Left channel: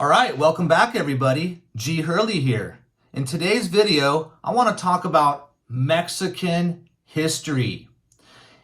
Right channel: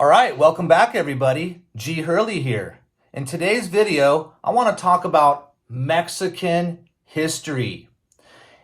All right, welcome back everybody. G. Hurley here. In today's video, I want to talk about Mexican history.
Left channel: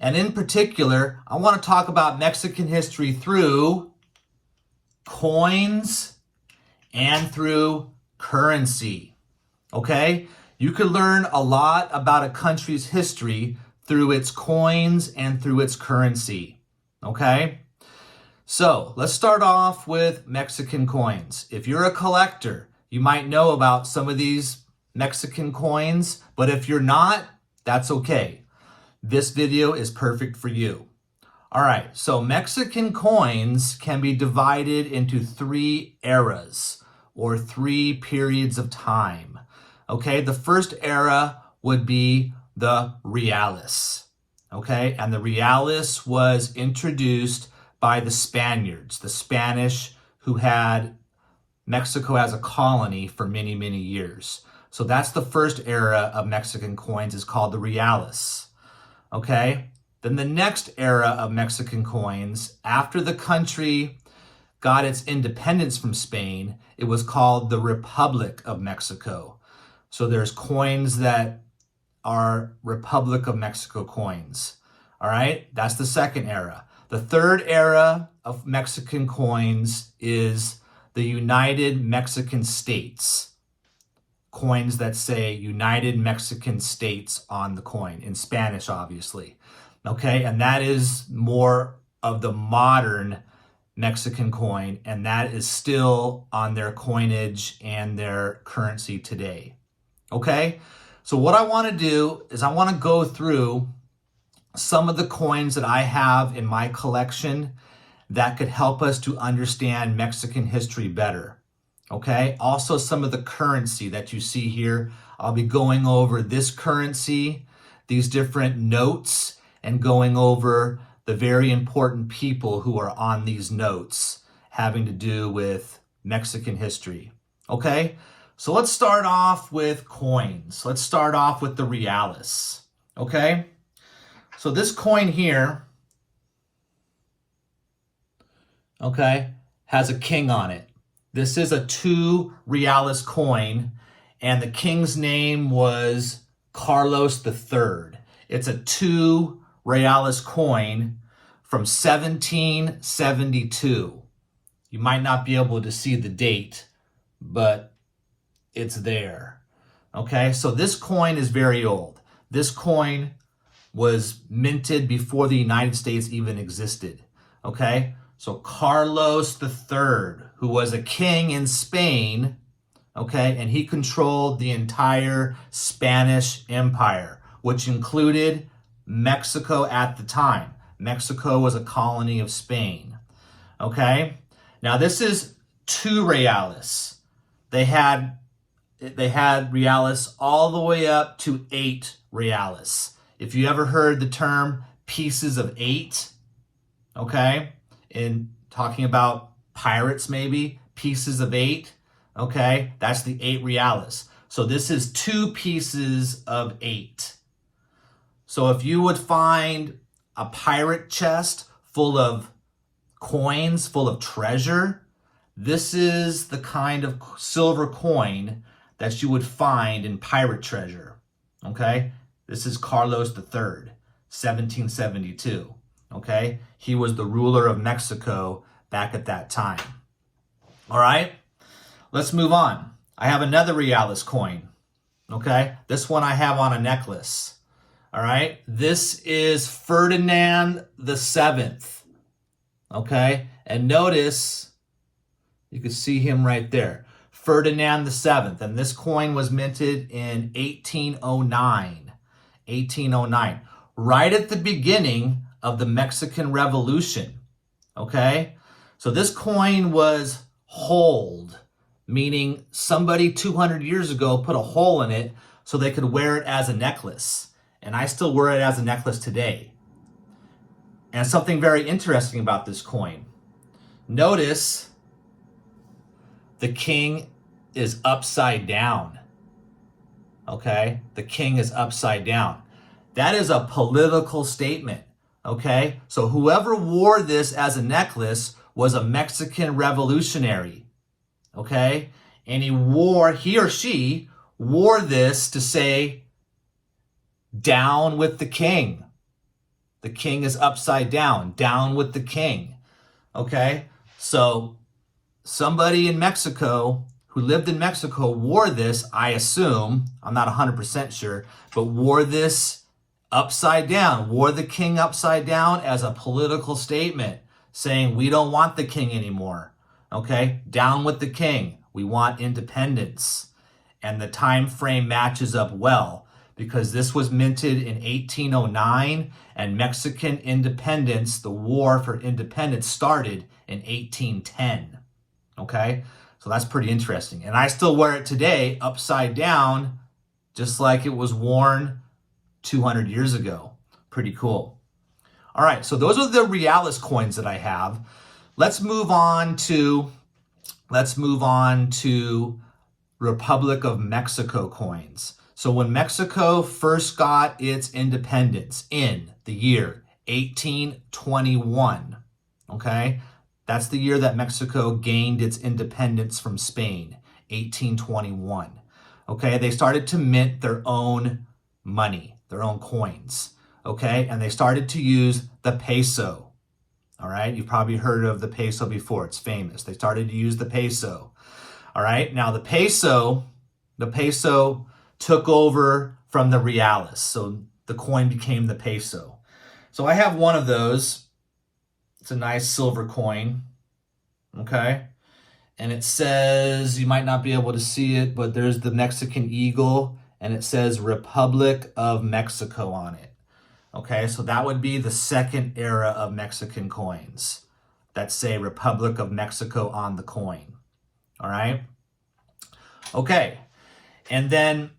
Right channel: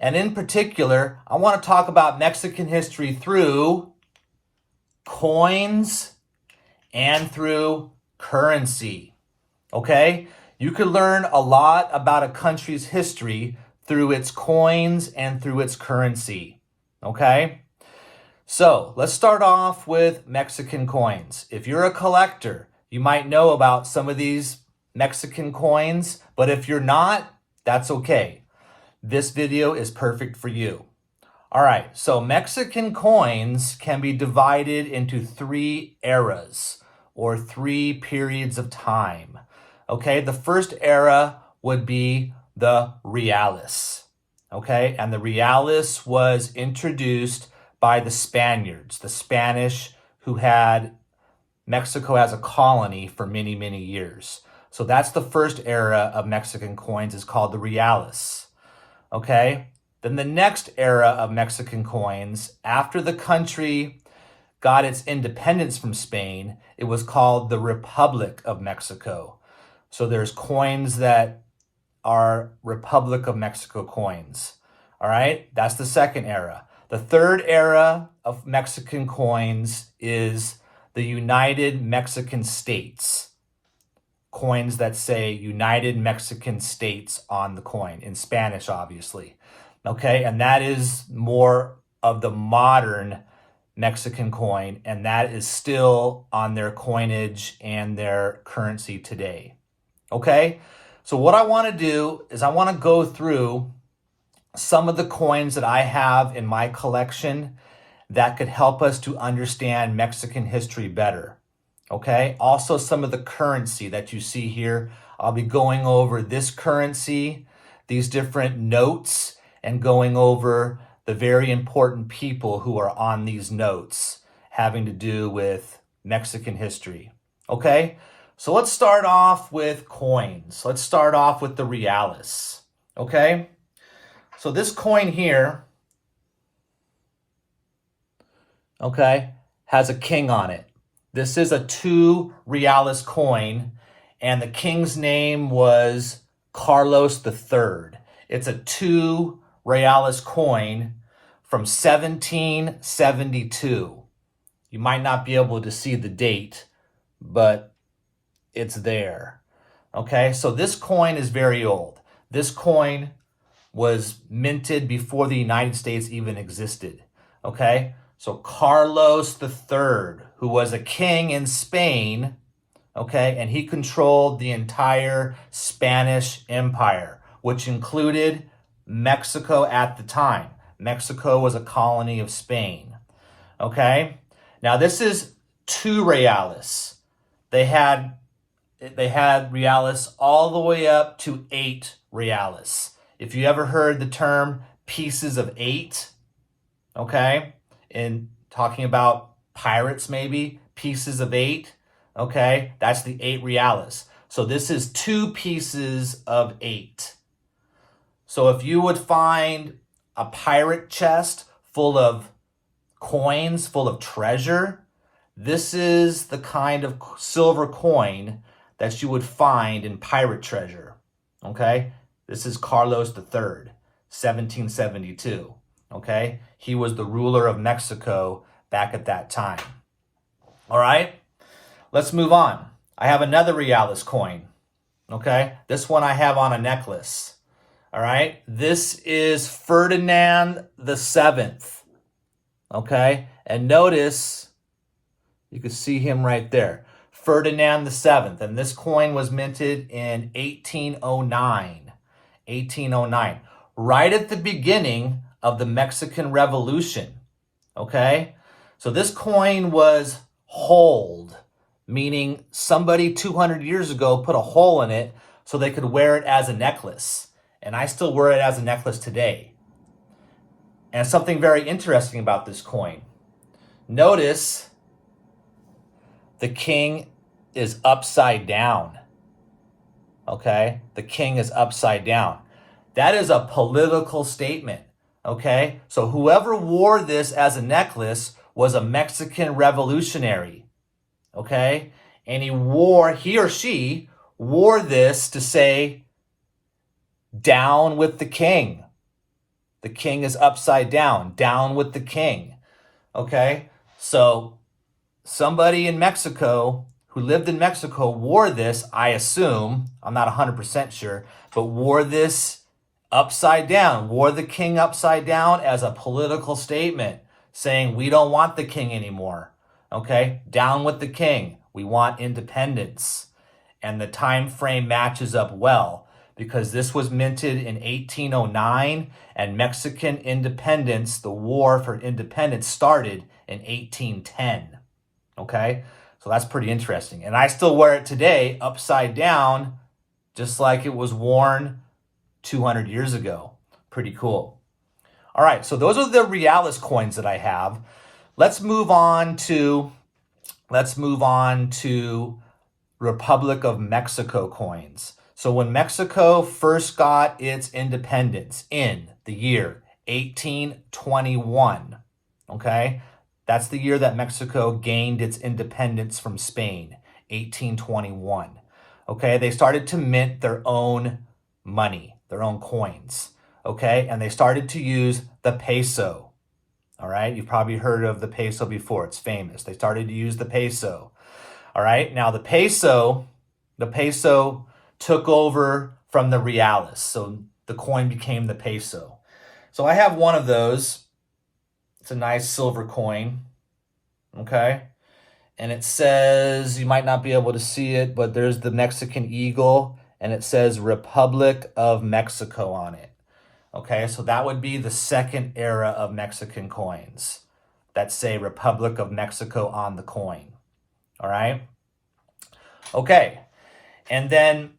And in particular, I want to talk about Mexican history through coins and through currency. Okay? You can learn a lot about a country's history through its coins and through its currency. Okay? So let's start off with Mexican coins. If you're a collector, you might know about some of these Mexican coins, but if you're not, that's okay. This video is perfect for you. All right, so Mexican coins can be divided into three eras or three periods of time. Okay, the first era would be the reales. Okay, and the reales was introduced by the Spaniards, the Spanish who had Mexico as a colony for many, many years. So that's the first era of Mexican coins, is called the reales. Okay? Then the next era of Mexican coins, after the country got its independence from Spain, it was called the Republic of Mexico. So there's coins that are Republic of Mexico coins. All right? That's the second era. The third era of Mexican coins is the United Mexican States. Coins that say United Mexican States on the coin, in Spanish, obviously. Okay, and that is more of the modern Mexican coin, and that is still on their coinage and their currency today. Okay, so what I want to do is I want to go through some of the coins that I have in my collection that could help us to understand Mexican history better. Okay, also some of the currency that you see here. I'll be going over this currency, these different notes, and going over the very important people who are on these notes having to do with Mexican history. Okay, so let's start off with coins. Let's start off with the reales. Okay, so this coin here, okay, has a king on it. This is a 2 reales coin, and the king's name was Carlos III. It's a 2 reales coin from 1772. You might not be able to see the date, but it's there. Okay, so this coin is very old. This coin was minted before the United States even existed. Okay, so Carlos III, who was a king in Spain, okay, and he controlled the entire Spanish Empire, which included Mexico at the time. Mexico was a colony of Spain. Okay, now this is 2 reales. They had reales all the way up to 8 reales. If you ever heard the term pieces of 8, okay, in talking about pirates maybe, pieces of 8, okay, that's the 8 reales. So this is 2 pieces of 8. So if you would find a pirate chest full of coins, full of treasure, this is the kind of silver coin that you would find in pirate treasure, okay? This is Carlos III, 1772, okay? He was the ruler of Mexico back at that time. All right, let's move on. I have another reales coin, okay? This one I have on a necklace, all right? This is Ferdinand VII, okay? And notice, you can see him right there, Ferdinand VII, and this coin was minted in 1809. 1809, right at the beginning of the Mexican Revolution, okay? So this coin was holed, meaning somebody 200 years ago put a hole in it so they could wear it as a necklace. And I still wear it as a necklace today. And something very interesting about this coin. Notice the king is upside down. Okay, the king is upside down. That is a political statement, okay? So whoever wore this as a necklace was a Mexican revolutionary, okay? And he or she wore this to say, down with the king. The king is upside down with the king, okay? So somebody in Mexico who lived in Mexico wore this, I assume, I'm not 100% sure, but wore this upside down, wore the king upside down as a political statement saying we don't want the king anymore, okay? Down with the king. We want independence. And the time frame matches up well because this was minted in 1809 and Mexican independence, the war for independence, started in 1810, okay? So that's pretty interesting. And I still wear it today upside down, just like it was worn 200 years ago. Pretty cool. All right, so those are the Realis coins that I have. Let's move on to Republic of Mexico coins. So when Mexico first got its independence in the year 1821, okay? That's the year that Mexico gained its independence from Spain, 1821. Okay, they started to mint their own money, their own coins, okay? And they started to use the peso, all right? You've probably heard of the peso before. It's famous. They started to use the peso, all right? Now, the peso took over from the Realis, so the coin became the peso. So I have one of those. It's a nice silver coin, okay? And it says, you might not be able to see it, but there's the Mexican eagle, and it says Republic of Mexico on it, okay? So that would be the second era of Mexican coins that say Republic of Mexico on the coin, all right? Okay, and then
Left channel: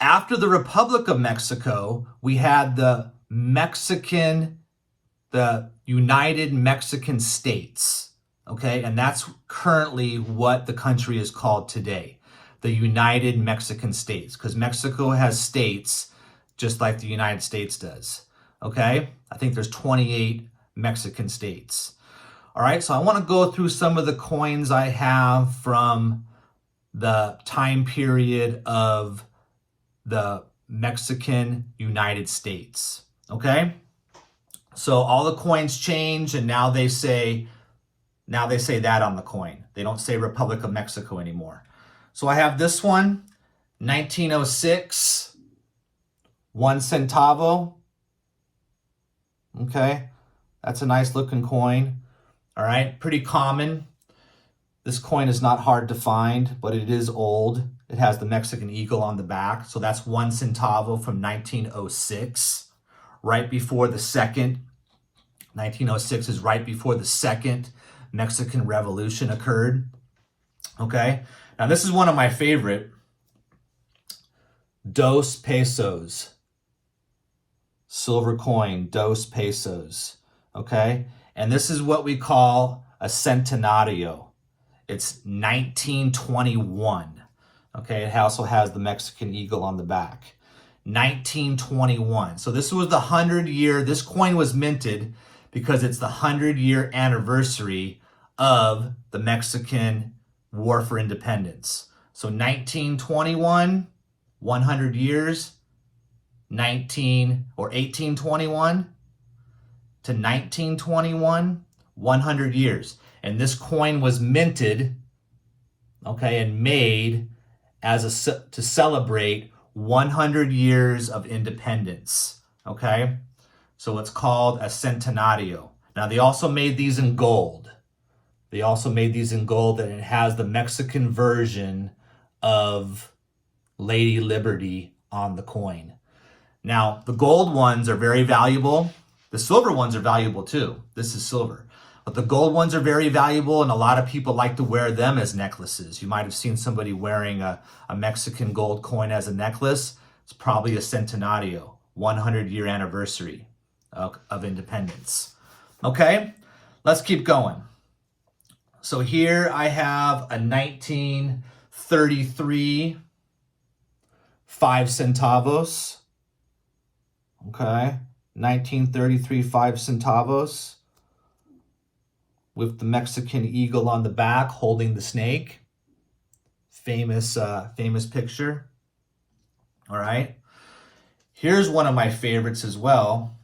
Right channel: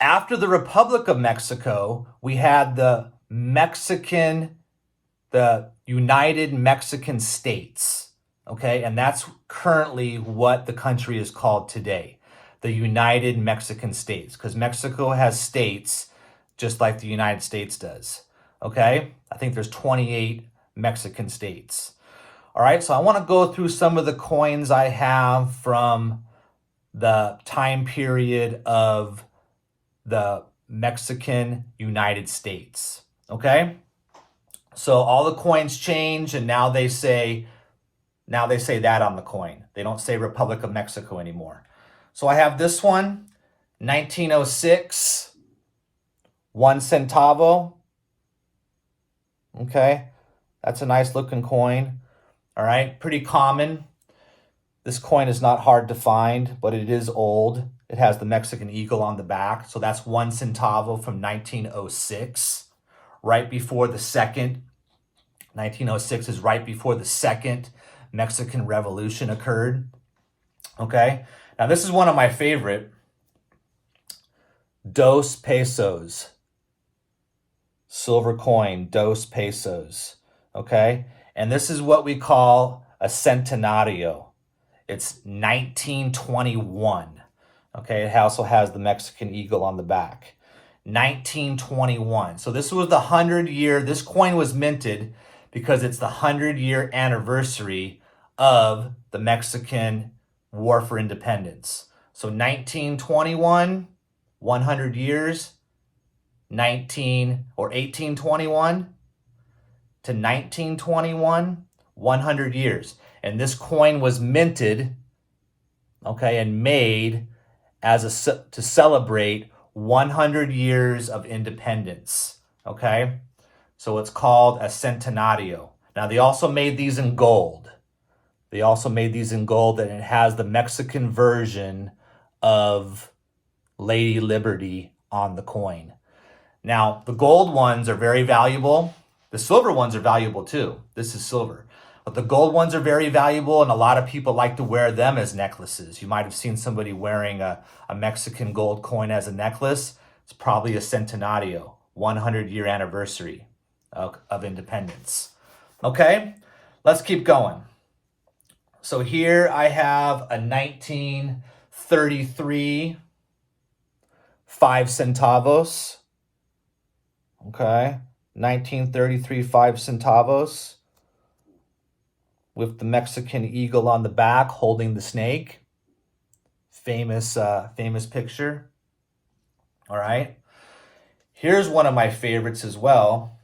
after the Republic of Mexico, we had the United Mexican States, okay? And that's currently what the country is called today, the United Mexican States, because Mexico has states just like the United States does, okay? I think there's 28 Mexican states. All right, so I want to go through some of the coins I have from the time period of the Mexican United States, okay? So all the coins change, and now they say that on the coin. They don't say Republic of Mexico anymore. So I have this one, 1906, 1 centavo. Okay, that's a nice looking coin. All right, pretty common. This coin is not hard to find, but it is old. It has the Mexican eagle on the back. So that's 1 centavo from 1906, right before the second. 1906 is right before the second Mexican Revolution occurred. Okay, now this is one of my favorite. 2 pesos. Silver coin, 2 pesos. Okay, and this is what we call a centenario. It's 1921. Okay, it also has the Mexican eagle on the back. 1921. So this was the 100-year, this coin was minted because it's the 100-year anniversary of the Mexican War for Independence. So 1921, 100 years, 1821 to 1921, 100 years. And this coin was minted, okay, and made to celebrate 100 years of independence, okay? So it's called a centenario. Now, they also made these in gold. And it has the Mexican version of Lady Liberty on the coin. Now, the gold ones are very valuable. The silver ones are valuable too. This is silver. But the gold ones are very valuable, and a lot of people like to wear them as necklaces. You might have seen somebody wearing a Mexican gold coin as a necklace. It's probably a centenario, 100-year anniversary of independence. Okay, let's keep going. So here I have a 1933 5 centavos. Okay, 1933 5 centavos with the Mexican eagle on the back holding the snake. famous picture. All right. Here's one of my favorites as well.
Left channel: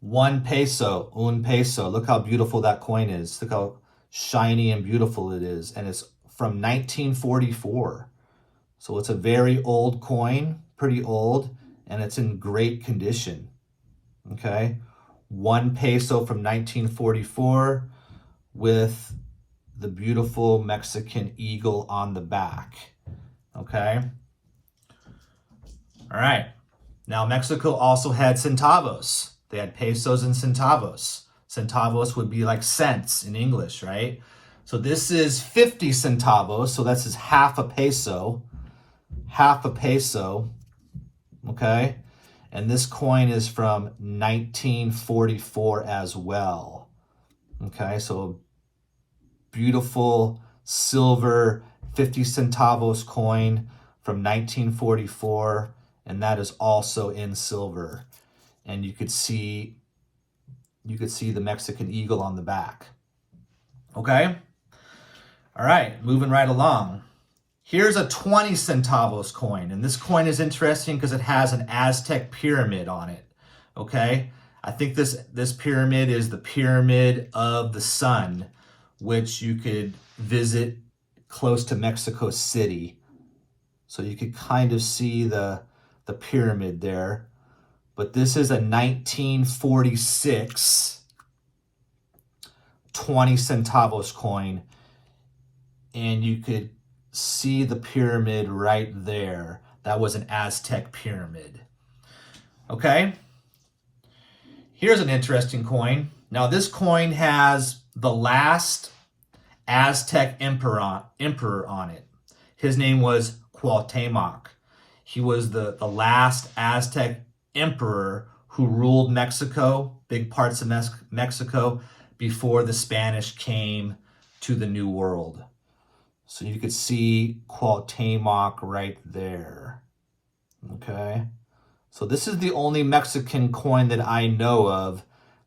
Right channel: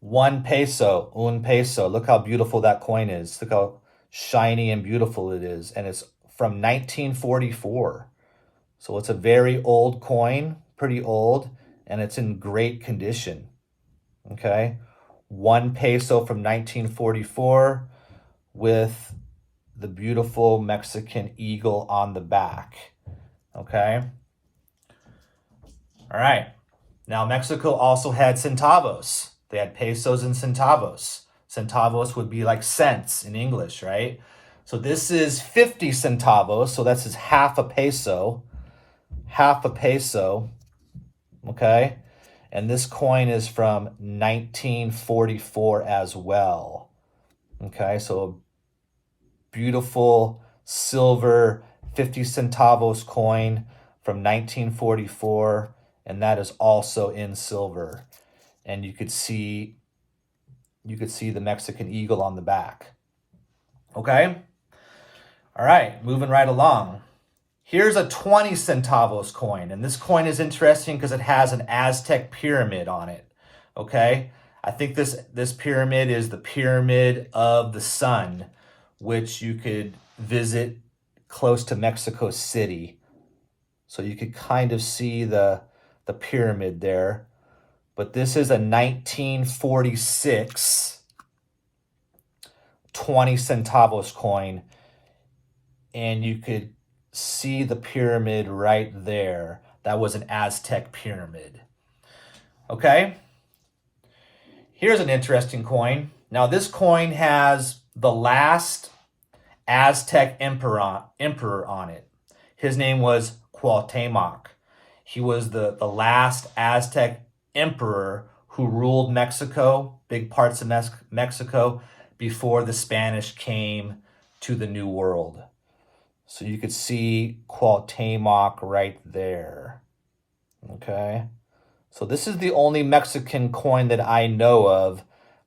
1 peso, un peso. Look how beautiful that coin is. Look how shiny and beautiful it is. And it's from 1944. So it's a very old coin, pretty old, and it's in great condition. Okay. 1 peso from 1944 with the beautiful Mexican eagle on the back. Okay. All right. Now, Mexico also had centavos. They had pesos and centavos. Centavos would be like cents in English, right? So this is 50 centavos. So that's half a peso. Half a peso. Okay. And this coin is from 1944 as well. Okay. So beautiful silver 50 centavos coin from 1944. And that is also in silver. And you could see the Mexican eagle on the back. Okay? All right, moving right along. Here's a 20 centavos coin. And this coin is interesting because it has an Aztec pyramid on it. Okay? I think this pyramid is the Pyramid of the Sun, which you could visit close to Mexico City. So you could kind of see the pyramid there. But this is a 1946 20 centavos coin. And you could see the pyramid right there. That was an Aztec pyramid. Okay. Here's an interesting coin. Now this coin has the last Aztec emperor on it. His name was Cuauhtemoc. He was the last Aztec emperor who ruled Mexico, big parts of Mexico, before the Spanish came to the New World. So you could see Cuauhtemoc right there. Okay. So this is the only Mexican coin that I know of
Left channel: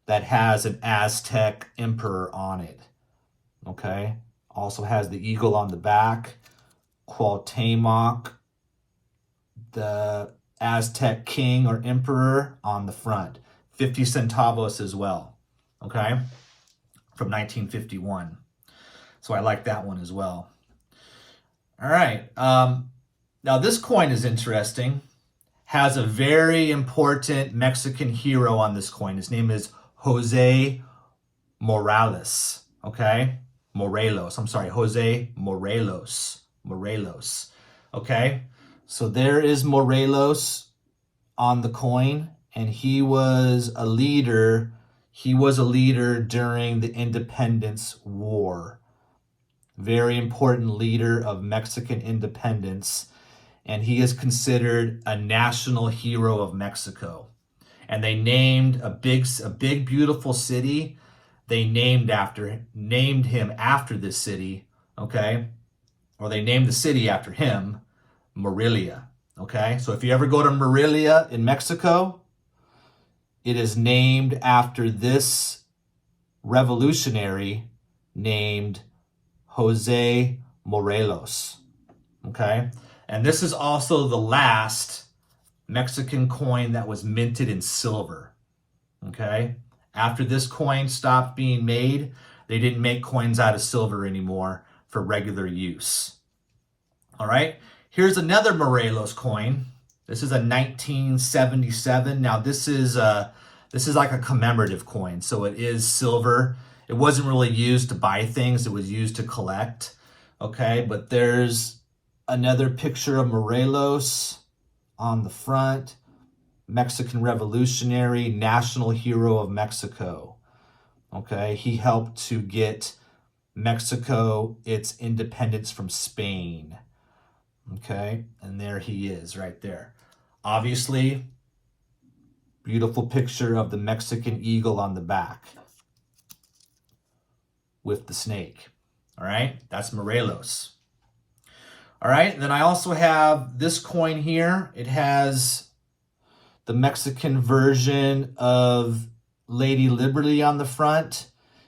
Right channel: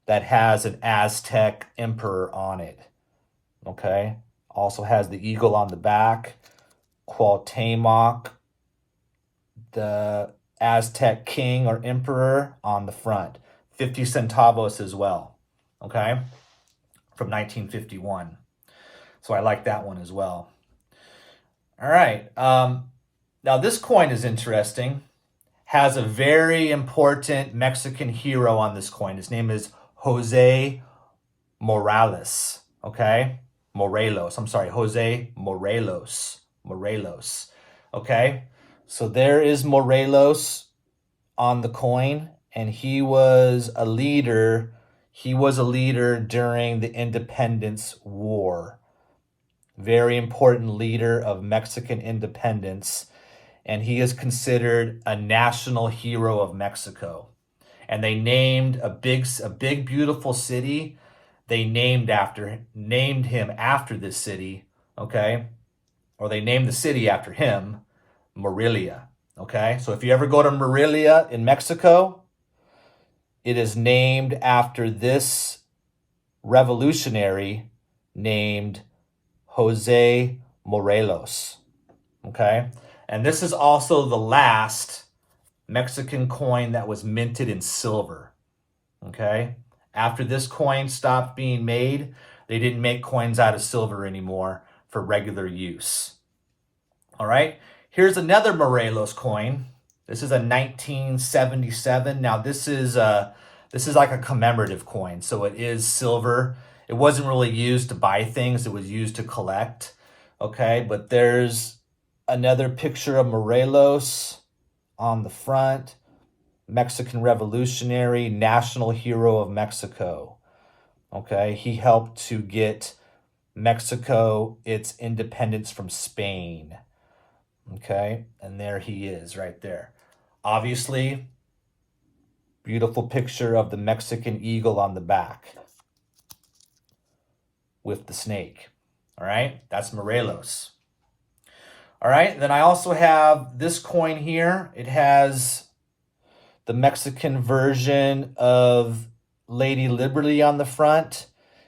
that has an Aztec emperor on it. Okay. Also has the eagle on the back. Cuauhtemoc, the Aztec king or emperor, on the front. 50 centavos as well. Okay. From 1951. So I like that one as well. All right. Now this coin is interesting. Has a very important Mexican hero on this coin. His name is Jose Morales. Okay. Morelos. I'm sorry. Jose Morelos. Morelos. Okay. So there is Morelos on the coin, and he was a leader. He was a leader during the Independence War. Very important leader of Mexican independence. And he is considered a national hero of Mexico. And they named a big, beautiful city. They named him after this city, okay? Or they named the city after him, Morelia, okay? So if you ever go to Morelia in Mexico, it is named after this revolutionary named Jose Morelos, okay? And this is also the last Mexican coin that was minted in silver, okay? After this coin stopped being made, they didn't make coins out of silver anymore for regular use. All right, here's another Morelos coin. This is a 1977. Now this is like a commemorative coin, so it is silver. It wasn't really used to buy things; it was used to collect. Okay, but there's another picture of Morelos on the front. Mexican revolutionary, national hero of Mexico. Okay, he helped to get Mexico its independence from Spain. Okay, and there he is right there. Obviously, beautiful picture of the Mexican eagle on the back with the snake. All right, that's Morelos. All right, then I also have this coin here. It has the Mexican version of Lady Liberty on the front.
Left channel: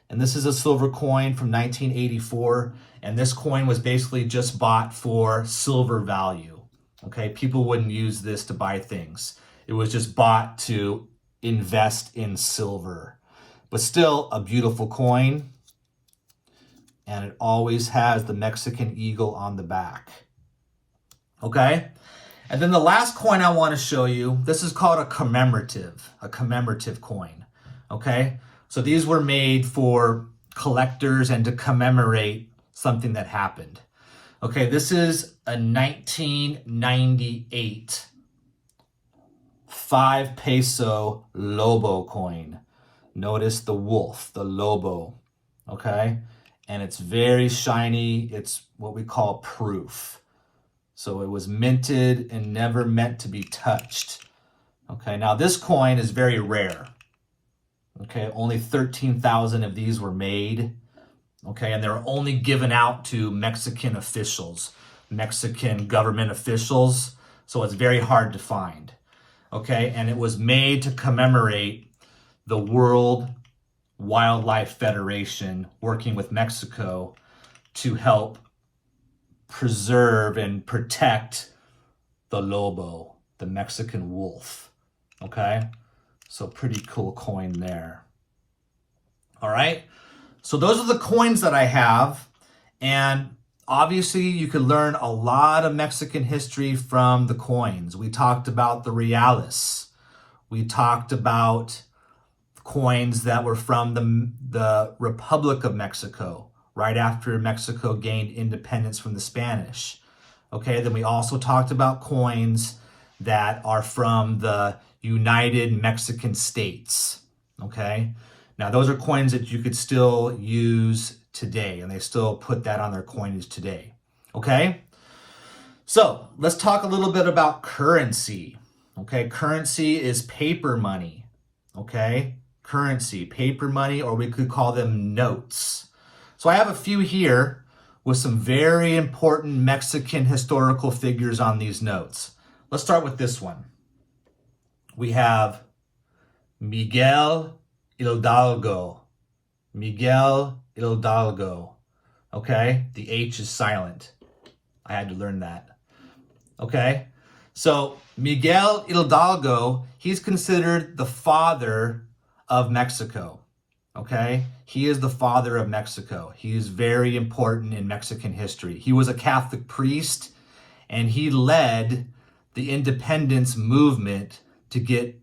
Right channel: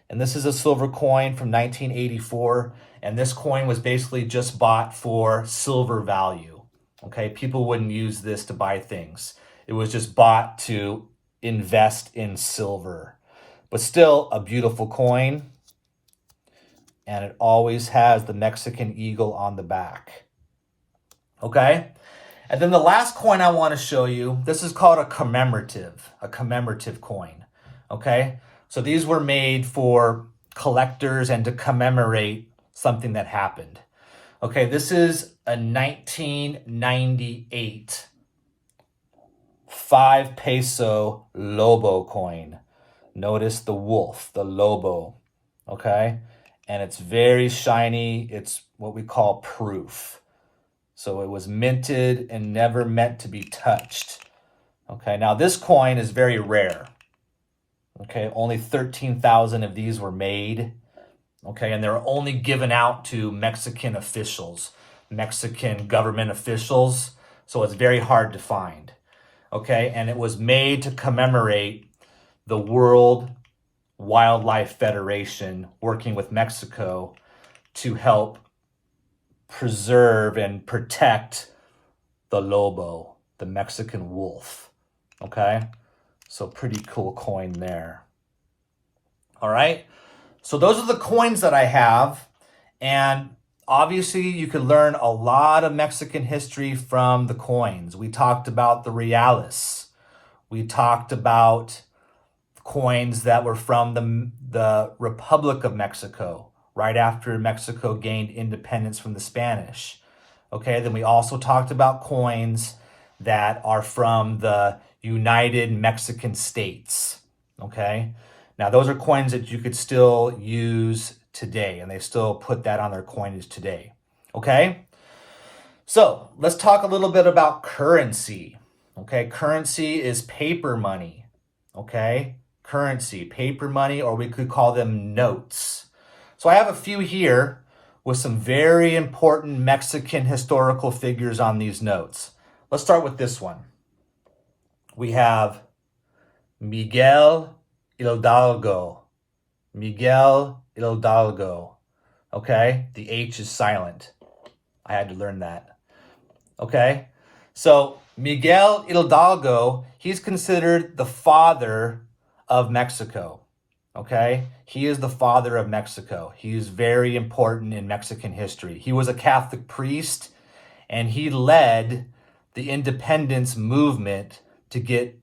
And this is a silver coin from 1984. And this coin was basically just bought for silver value. Okay, people wouldn't use this to buy things. It was just bought to invest in silver. But still a beautiful coin. And it always has the Mexican eagle on the back. Okay? And then the last coin I want to show you, this is called a commemorative coin. Okay? So these were made for collectors and to commemorate something that happened. Okay, this is a 1998 5 peso Lobo coin. Notice the wolf, the Lobo. Okay? And it's very shiny. It's what we call proof. So it was minted and never meant to be touched. Okay, now this coin is very rare. Okay, only 13,000 of these were made. Okay, and they're only given out to Mexican officials, Mexican government officials. So it's very hard to find. Okay, and it was made to commemorate the World Wildlife Federation working with Mexico to help preserve and protect the lobo, the Mexican wolf. Okay, so pretty cool coin there. All right, so those are the coins that I have, and obviously you could learn a lot of Mexican history from the coins. We talked about the reales. We talked about coins that were from the Republic of Mexico, right after Mexico gained independence from the Spanish. Okay, then we also talked about coins that are from the United Mexican States. Okay, now those are coins that you could still use today, and they still put that on their coinage today. Okay, so let's talk a little bit about currency. Okay, currency is paper money. Okay, currency, paper money, or we could call them notes. So I have a few here with some very important Mexican historical figures on these notes. Let's start with this one. We have Miguel Hidalgo. Miguel Hidalgo. Okay, the H is silent. I had to learn that. Okay, so Miguel Hidalgo, he's considered the father of Mexico. Okay, he is the father of Mexico. He is very important in Mexican history. He was a Catholic priest, and he led the independence movement to get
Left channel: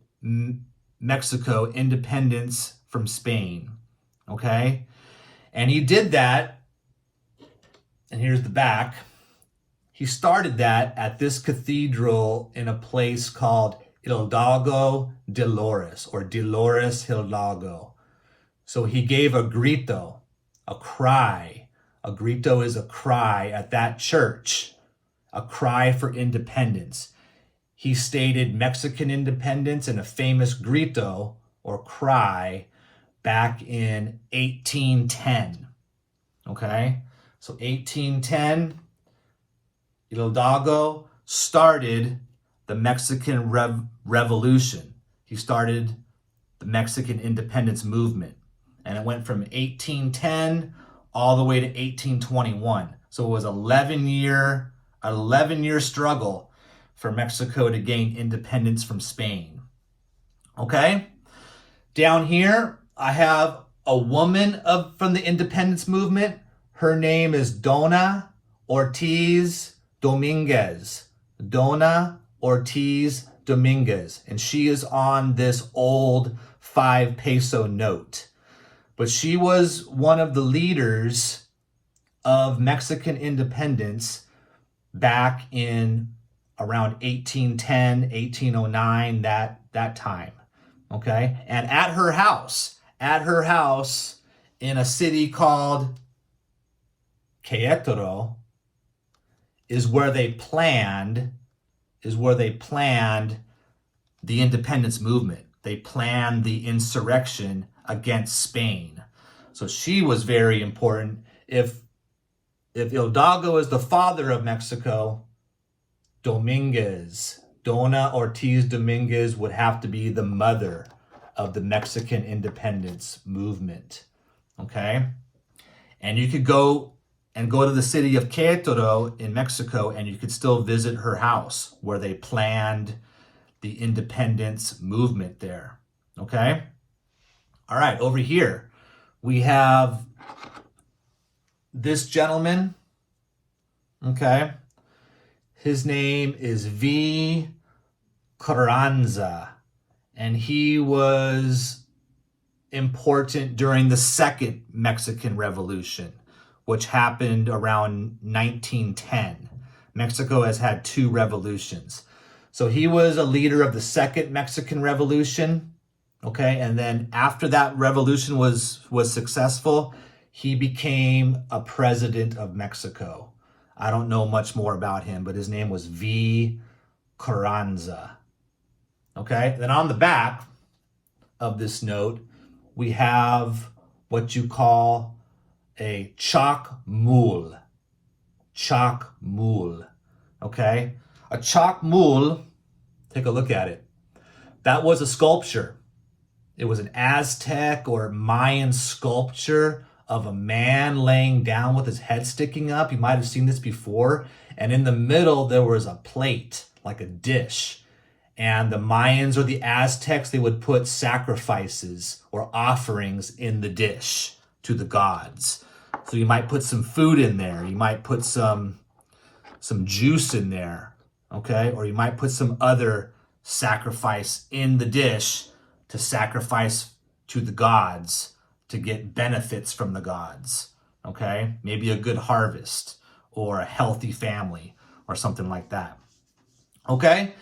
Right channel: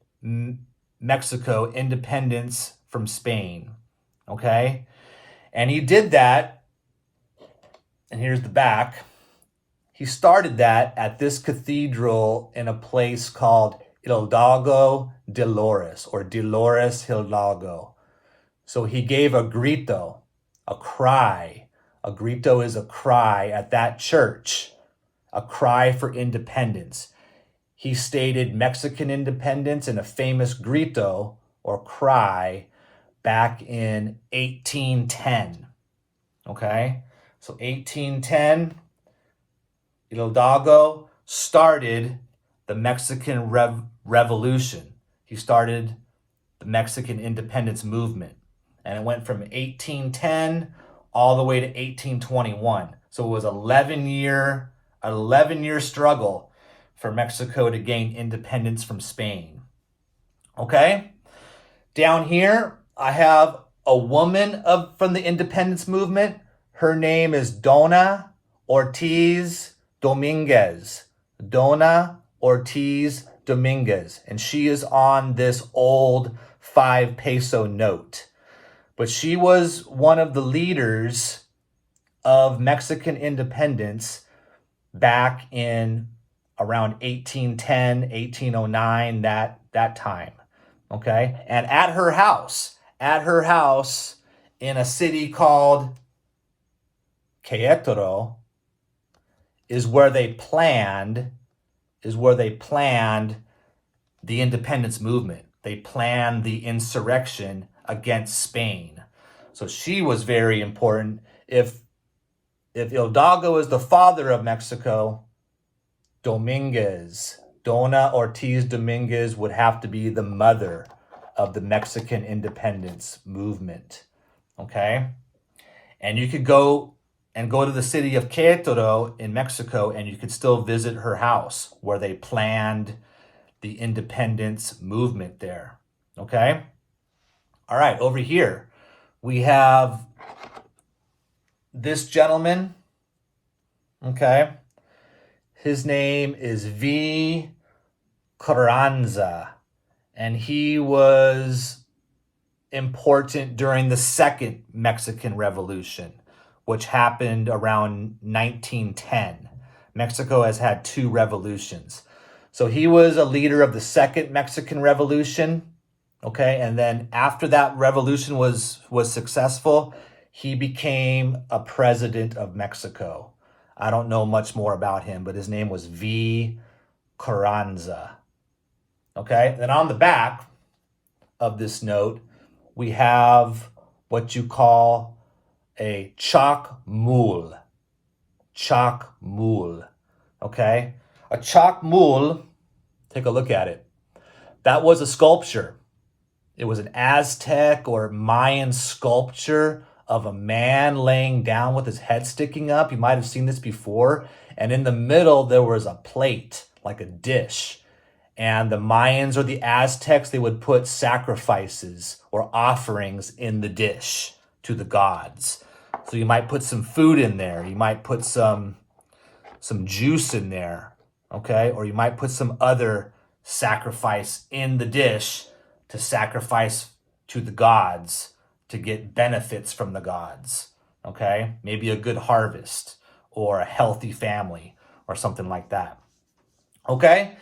Mexico independence from Spain. Okay, and he did that, and here's the back. He started that at this cathedral in a place called Hidalgo Dolores, or Dolores Hidalgo. So he gave a grito, a cry. A grito is a cry at that church, a cry for independence. He stated Mexican independence in a famous grito or cry back in 1810. Okay, so 1810, Hidalgo started the Mexican Revolution. He started the Mexican independence movement. And it went from 1810 all the way to 1821. So it was an 11-year struggle for Mexico to gain independence from Spain. Okay? Down here, I have a woman from the independence movement. Her name is Dona Ortiz Dominguez. Dona Ortiz Dominguez. And she is on this old 5 peso note. But she was one of the leaders of Mexican independence back in around 1810, 1809, that time. Okay? And at her house in a city called Querétaro is where they planned the independence movement. They planned the insurrection against Spain. So she was very important. If Hidalgo is the father of Mexico, Dona Ortiz Dominguez would have to be the mother of the Mexican independence movement. Okay? And you could go and go to the city of Querétaro in Mexico, and you could still visit her house where they planned the independence movement there. Okay? All right, over here, we have this gentleman. Okay? His name is V. Carranza, and he was important during the Second Mexican Revolution, which happened around 1910. Mexico has had 2 revolutions. So he was a leader of the Second Mexican Revolution, okay? And then after that revolution was successful, he became a president of Mexico. I don't know much more about him, but his name was V. Carranza. Okay, then on the back of this note, we have what you call a chalk mule. Chalk mule. Okay, a chalk mule, take a look at it. That was a sculpture. It was an Aztec or Mayan sculpture of a man laying down with his head sticking up. You might have seen this before. And in the middle, there was a plate, like a dish. And the Mayans or the Aztecs, they would put sacrifices or offerings in the dish to the gods. So you might put some food in there. You might put some juice in there, okay? Or you might put some other sacrifice in the dish to sacrifice to the gods to get benefits from the gods, okay? Maybe a good harvest or a healthy family or something like that, okay?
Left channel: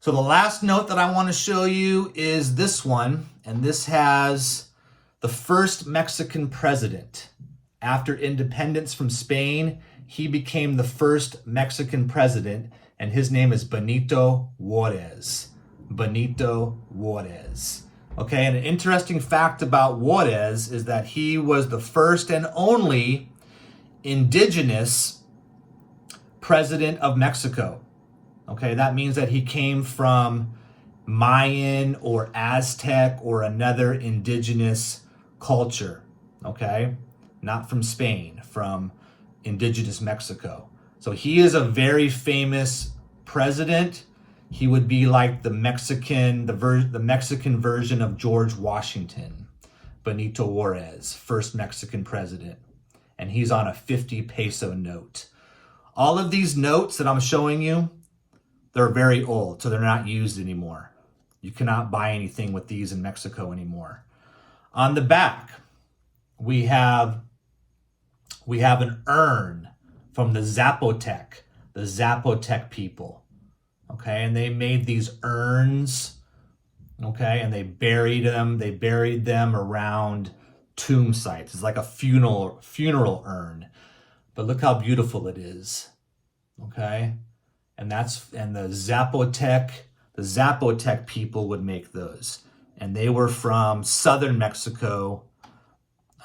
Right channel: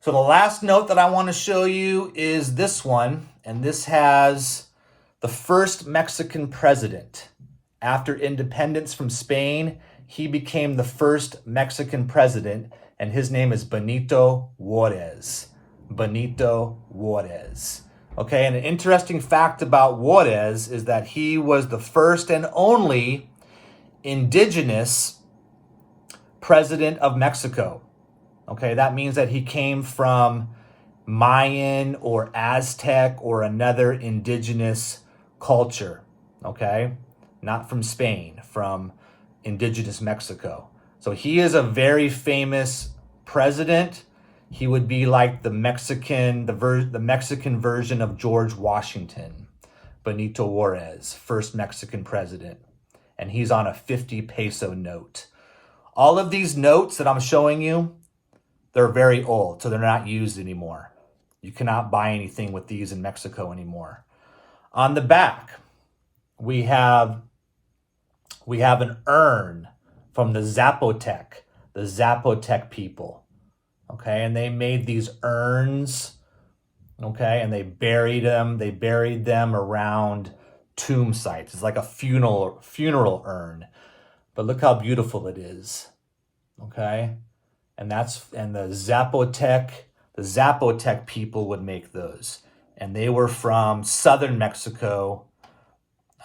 So the last note that I want to show you is this one, and this has the first Mexican president. After independence from Spain, he became the first Mexican president, and his name is Benito Juarez. Benito Juarez. Okay, and an interesting fact about Juarez is that he was the first and only indigenous president of Mexico. Okay, that means that he came from Mayan or Aztec or another indigenous culture, okay? Not from Spain, from indigenous Mexico. So he is a very famous president. He would be like the Mexican version of George Washington, Benito Juarez, first Mexican president. And he's on a 50 peso note. All of these notes that I'm showing you, they're very old, so they're not used anymore. You cannot buy anything with these in Mexico anymore. On the back, we have an urn from the Zapotec people. Okay, and they made these urns, okay, and they buried them around tomb sites. It's like a funeral urn. But look how beautiful it is. Okay? And the Zapotec people would make those. And they were from southern Mexico,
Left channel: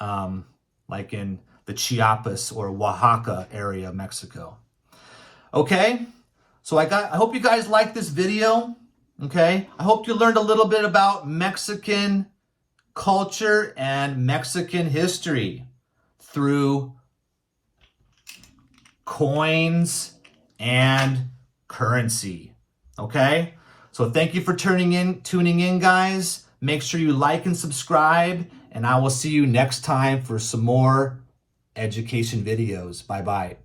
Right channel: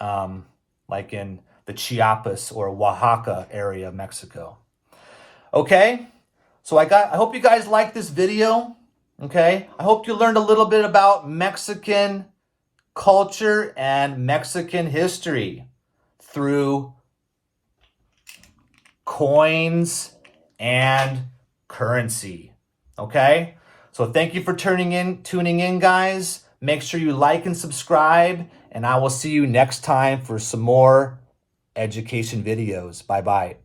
like in the Chiapas or Oaxaca area of Mexico. Okay? So I hope you guys liked this video. Okay? I hope you learned a little bit about Mexican culture and Mexican history through coins and currency. Okay? So thank you for tuning in, guys. Make sure you like and subscribe, and I will see you next time for some more education videos. Bye-bye.